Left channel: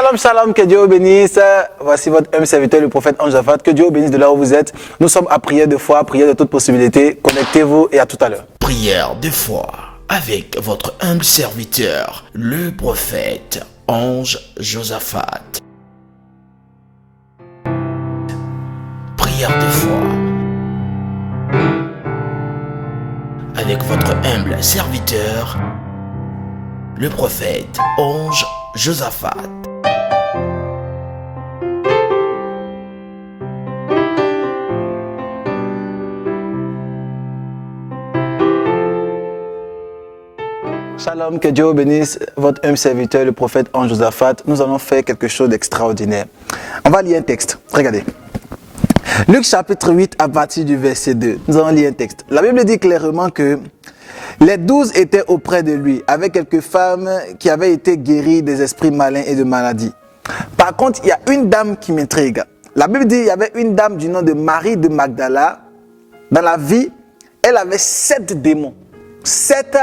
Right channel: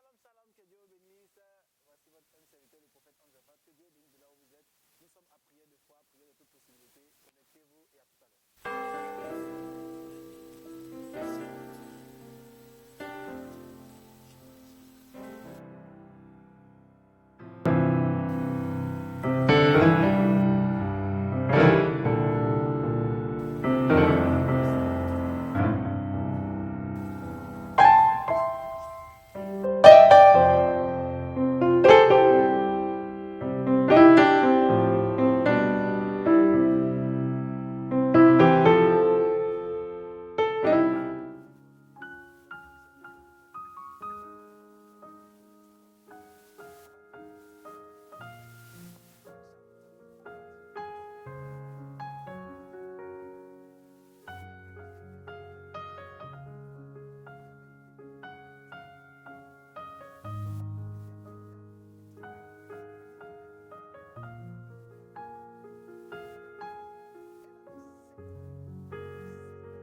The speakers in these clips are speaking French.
Shalom, shalom, que Dieu vous bénisse. Voici votre homme serviteur, le prophète Ange-Zaphat. Que Dieu vous bénisse de là où vous êtes. Nous sommes à prière de foi, prière de toute possibilité. Connectez-vous et à tout à l'heure. Prière de foi avec votre humble serviteur, le prophète Ange-Josaphat. Prière de foi avec votre humble serviteur, le prophète Ange-Josaphat. Shalom, que Dieu vous bénisse, votre homme serviteur, le prophète Ange-Josaphat. Nous allons faire quelque chose d'extraordinaire. On va lire un texte. Regardez. Luc chapitre 8 à partir du verset 2. Nous allons lire un texte. La Bible dit clairement que les 12 étaient auprès de lui, avec quelques femmes qui avaient été guéries des esprits malins et de maladies. Par contre, il y a une dame qui m'intrigue. La Bible dit qu'il y avait une dame du nom de Marie de Magdala. Dans la vie, elle avait 7 démons. 7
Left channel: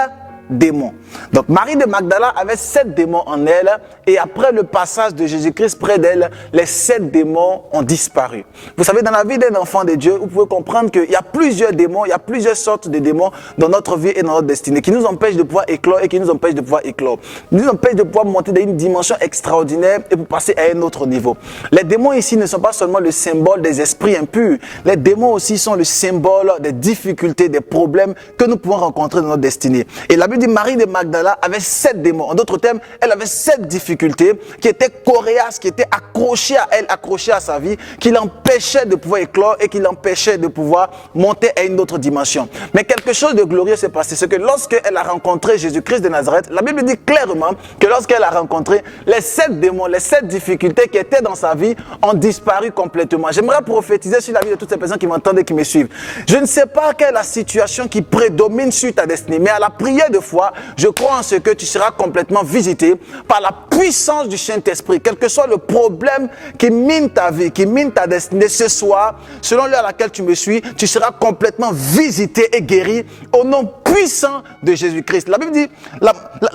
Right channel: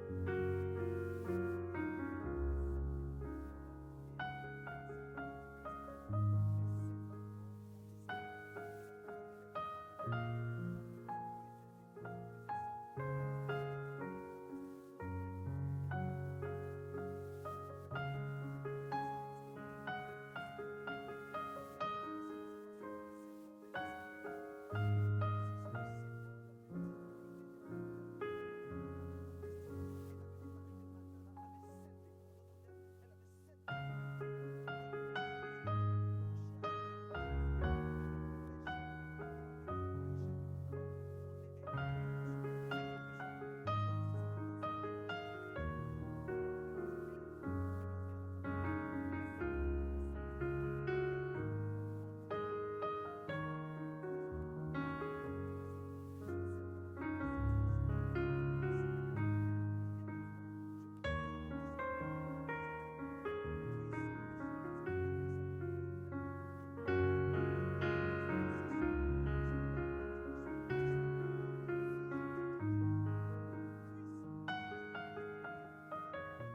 démons. Donc Marie de Magdala avait 7 démons en elle et après le passage de Jésus-Christ près d'elle, les 7 démons ont disparu. Vous savez, dans la vie d'un enfant de Dieu, vous pouvez comprendre qu'il y a plusieurs démons, il y a plusieurs sortes de démons dans notre vie et dans notre destinée qui nous empêchent de pouvoir éclore et qui nous empêchent de pouvoir éclore. Ils nous empêchent de pouvoir monter dans une dimension extraordinaire et pour passer à un autre niveau. Les démons ici ne sont pas seulement le symbole des esprits impurs, les démons aussi sont le symbole des difficultés, des problèmes que nous pouvons rencontrer dans notre destinée. Et la Bible dit Marie de Magdala avait 7 démons. En d'autres termes, elle avait 7 difficultés qui étaient coriaces, qui étaient accrochées à elle, accrochées à sa vie, qui l'empêchaient de pouvoir éclore et qui l'empêchaient de pouvoir monter à une autre dimension. Mais quelque chose de glorieux s'est passé. C'est que lorsqu'elle a rencontré Jésus-Christ de Nazareth, la Bible dit clairement que lorsqu'elle a rencontré les 7 démons, les 7 difficultés qui étaient dans sa vie ont disparu complètement. J'aimerais prophétiser sur la vie de toutes ces personnes qui m'entendent et qui me suivent. Je ne sais pas quelle est la situation qui prédomine sur ta destinée, mais à la prière de foi, je crois en ce que tu seras complètement visité par la puissance du Saint-Esprit. Quel que soit le problème qui mine ta vie, qui mine ta destinée, ce soir, selon l'heure à laquelle tu me suis, tu seras complètement visité et guéri au nom puissant de Jésus-Christ. La Bible dit,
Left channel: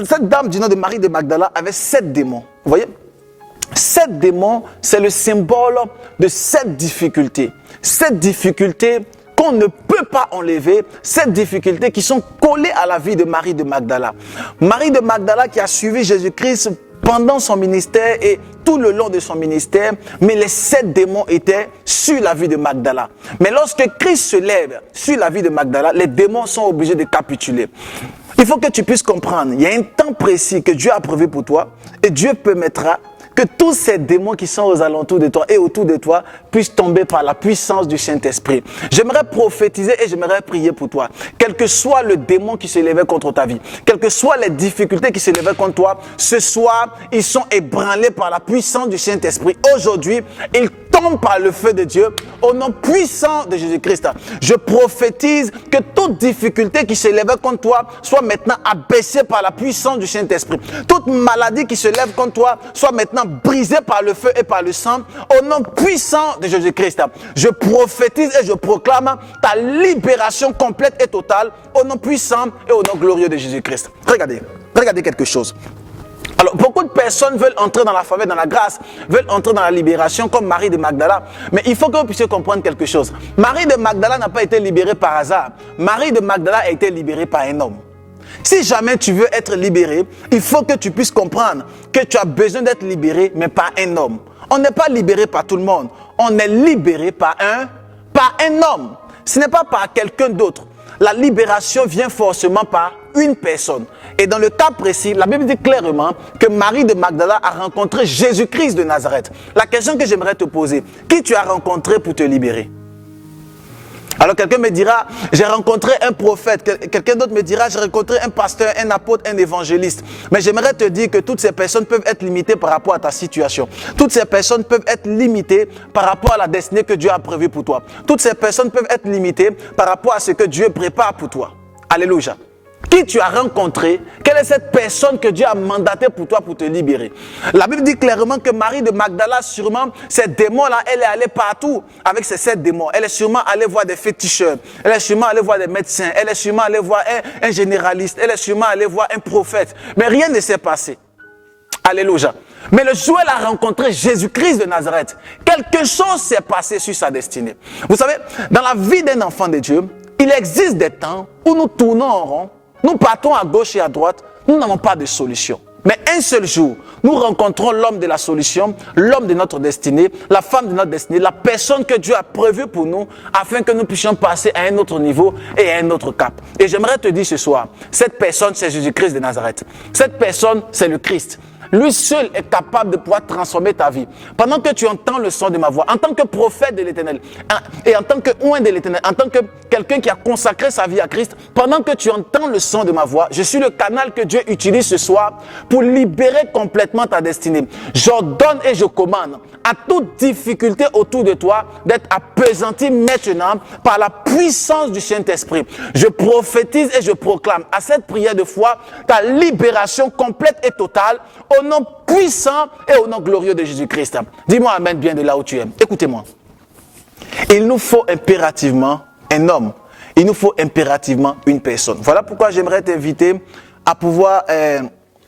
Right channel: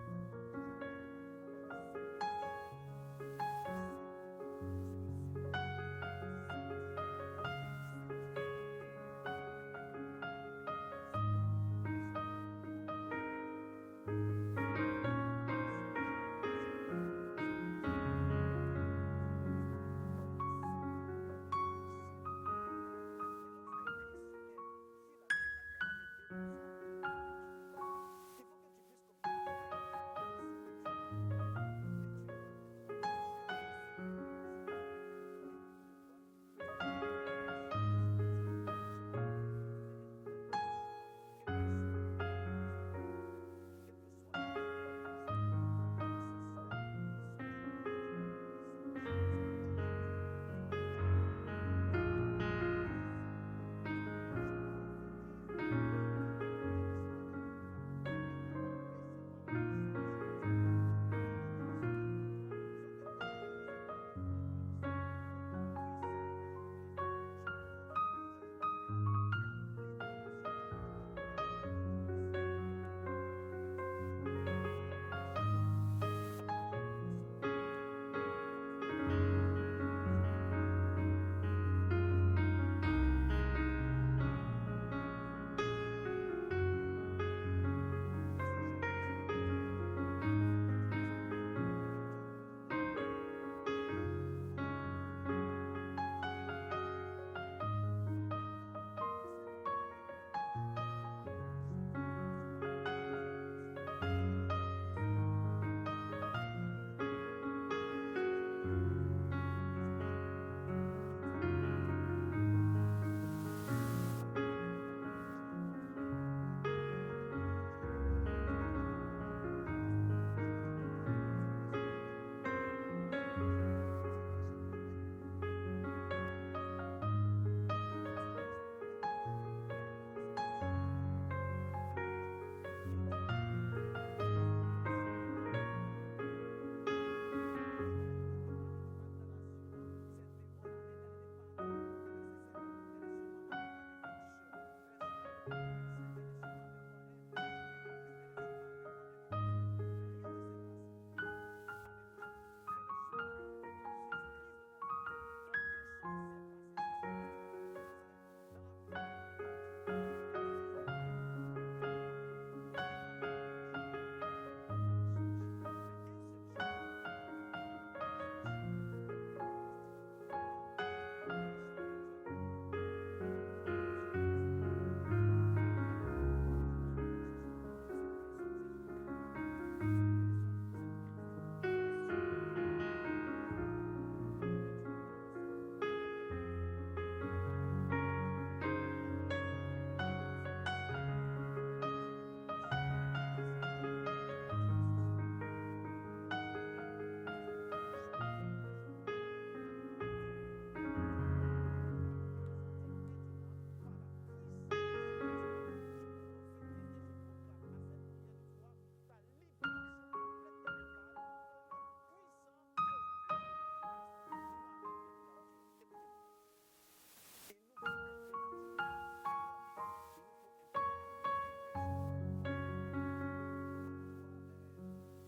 cette dame du nom de Marie de Magdala avait 7 démons. Vous voyez? 7 démons, c'est le symbole de 7 difficultés. 7 difficultés qu'on ne peut pas enlever, ces difficultés qui sont collées à la vie de Marie de Magdala. Marie de Magdala qui a suivi Jésus-Christ pendant son ministère et tout le long de son ministère, mais les 7 démons étaient sur la vie de Magdala. Mais lorsque Christ se lève sur la vie de Magdala, les démons sont obligés de capituler. Il faut que tu puisses comprendre, il y a un temps précis que Dieu a prévu pour toi et Dieu permettra que tous ces démons qui sont aux alentours de toi et autour de toi puissent tomber par la puissance du Saint-Esprit. J'aimerais prophétiser et j'aimerais prier pour toi. Quel que soit le démon qui se levait contre ta vie, quelles que soient les difficultés qui se levaient contre toi, ce soir, ils sont ébranlés par la puissance du Saint-Esprit. Aujourd'hui, ils tombent par le feu de Dieu au nom puissant de Jésus-Christ. Je prophétise que toute difficulté qui se levait contre toi soit maintenant abaissée par la puissance du Saint-Esprit. Toute maladie qui se lève contre toi soit maintenant brisée par le feu et par le sang au nom puissant de Jésus-Christ. Je prophétise et je proclame ta libération complète et totale au nom puissant et au nom glorieux de Jésus-Christ. Regardez quelque chose. Alors, beaucoup de personnes veulent entrer dans la faveur, dans la grâce, veulent entrer dans la libération comme Marie de Magdala. Mais il faut que vous puissiez comprendre quelque chose. Marie de Magdala n'a pas été libérée par hasard. Marie de Magdala a été libérée par un homme. Si jamais tu veux être libéré, il faut que tu puisses comprendre que tu as besoin d'être libéré, mais par un homme. On n'est pas libéré par tout le monde. On est libéré par un homme. Ce n'est pas par quelqu'un d'autre. La libération vient forcément par une personne. Et dans le cas précis, la Bible dit clairement que Marie de Magdala a rencontré Jésus-Christ de Nazareth. La question que j'aimerais te poser, qui tu as rencontré pour te libérer? Alors quelqu'un me dira, j'ai rencontré un prophète. Quelqu'un d'autre me dira, j'ai rencontré un pasteur, un apôtre, un évangéliste. Mais j'aimerais te dire que toutes ces personnes peuvent être limitées par rapport à ta situation. Toutes ces personnes peuvent être limitées par rapport à la destinée que Dieu a prévue pour toi. Toutes ces personnes peuvent être limitées par rapport à ce que Dieu prépare pour toi. Alléluia. Qui tu as rencontré, quelle est cette personne que Dieu a mandatée pour toi pour te libérer? La Bible dit clairement que Marie de Magdala, sûrement, ces démons-là, elle est allée partout avec ces 7 démons. Elle est sûrement allée voir des féticheurs, elle est sûrement allée voir des médecins, elle est sûrement allée voir un généraliste, elle est sûrement allée voir un prophète. Mais rien ne s'est passé. Alléluia. Mais le jour où elle a rencontré Jésus-Christ de Nazareth, quelque chose s'est passé sur sa destinée. Vous savez, dans la vie d'un enfant de Dieu, il existe des temps où nous tournons en rond, nous partons à gauche et à droite, nous n'avons pas de solution. Mais un seul jour, nous rencontrons l'homme de la solution, l'homme de notre destinée, la femme de notre destinée, la personne que Dieu a prévue pour nous afin que nous puissions passer à un autre niveau et à un autre cap. Et j'aimerais te dire ce soir, cette personne, c'est Jésus-Christ de Nazareth. Cette personne, c'est le Christ. Lui seul est capable de pouvoir transformer ta vie. Pendant que tu entends le son de ma voix, en tant que prophète de l'Éternel, et en tant que oint de l'Éternel, en tant que quelqu'un qui a consacré sa vie à Christ, pendant que tu entends le son de ma voix, je suis le canal que Dieu utilise ce soir pour libérer complètement ta destinée. J'ordonne et je commande à toute difficulté autour de toi d'être appesantie maintenant par la puissance du Saint-Esprit. Je prophétise et je proclame à cette prière de foi ta libération complète et totale au nom puissant et au nom glorieux de Jésus-Christ. Dis-moi amen bien de là où tu es. Écoutez-moi. Il nous faut impérativement un homme. Il nous faut impérativement une personne. Voilà pourquoi j'aimerais t'inviter à pouvoir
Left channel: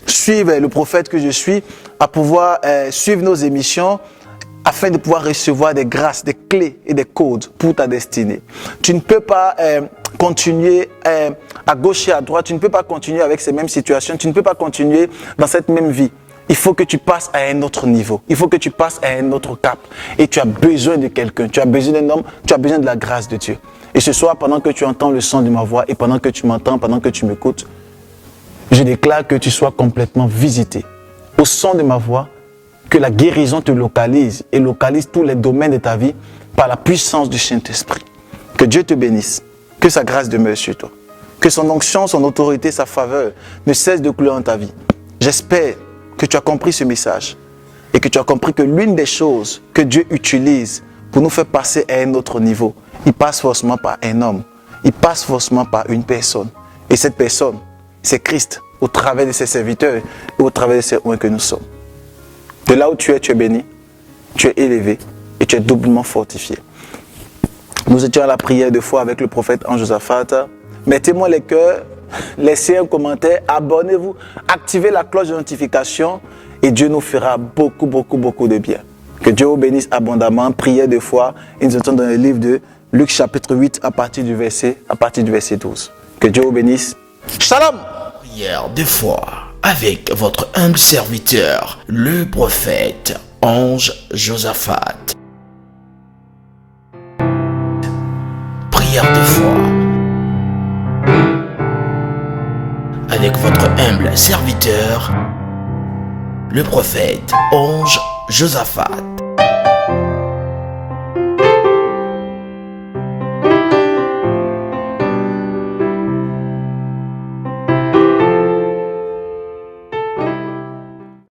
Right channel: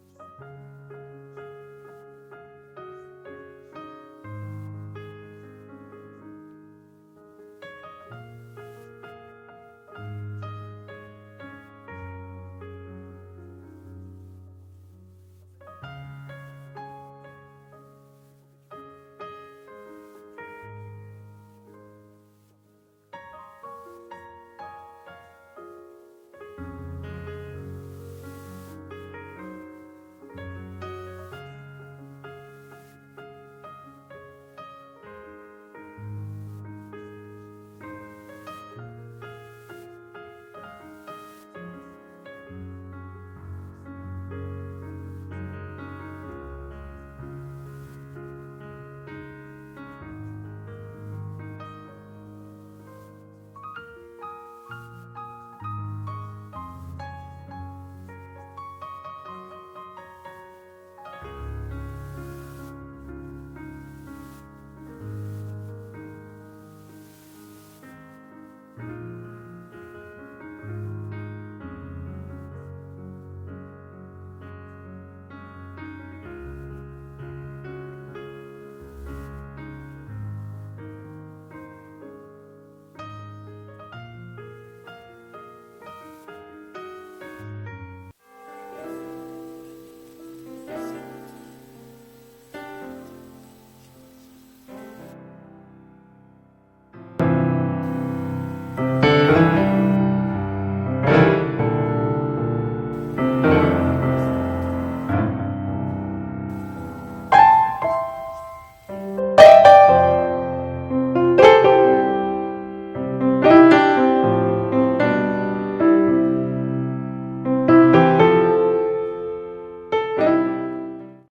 suivre le prophète que je suis, à pouvoir suivre nos émissions, afin de pouvoir recevoir des grâces, des clés et des codes pour ta destinée. Tu ne peux pas continuer à gauche et à droite, tu ne peux pas continuer avec ces mêmes situations, tu ne peux pas continuer dans cette même vie. Il faut que tu passes à un autre niveau, il faut que tu passes à un autre cap. Et tu as besoin de quelqu'un, tu as besoin d'un homme, tu as besoin de la grâce de Dieu. Et ce soir, pendant que tu entends le son de ma voix et pendant que tu m'entends, pendant que tu m'écoutes, je déclare que tu sois complètement visité. Au son de ma voix, que la guérison te localise et localise tous les domaines de ta vie par la puissance du Saint-Esprit. Que Dieu te bénisse, que sa grâce demeure sur toi, que son onction, son autorité, sa faveur ne cesse de couler dans ta vie. J'espère que tu as compris ce message et que tu as compris que l'une des choses que Dieu utilise pour nous faire passer à un autre niveau, il passe forcément par un homme, il passe forcément par une personne. Et cette personne, c'est Christ, au travers de ses serviteurs et au travers de ces oints que nous sommes. De là où tu es béni, tu es élevé et tu es doublement fortifié. Nous étions à la prière de foi avec le prophète Ange-Josaphat. Mettez-moi les cœurs, laissez un commentaire, abonnez-vous, activez la cloche de notification et Dieu nous fera beaucoup de bien. Que Dieu vous bénisse abondamment. Prière de foi, et nous étions dans le livre de Luc chapitre 8 à partir du verset 12. Que Dieu vous bénisse. Shalom! Prière de foi avec votre humble serviteur, le prophète Ange-Josaphat. Prière de foi avec votre humble serviteur, le prophète Ange-Josaphat.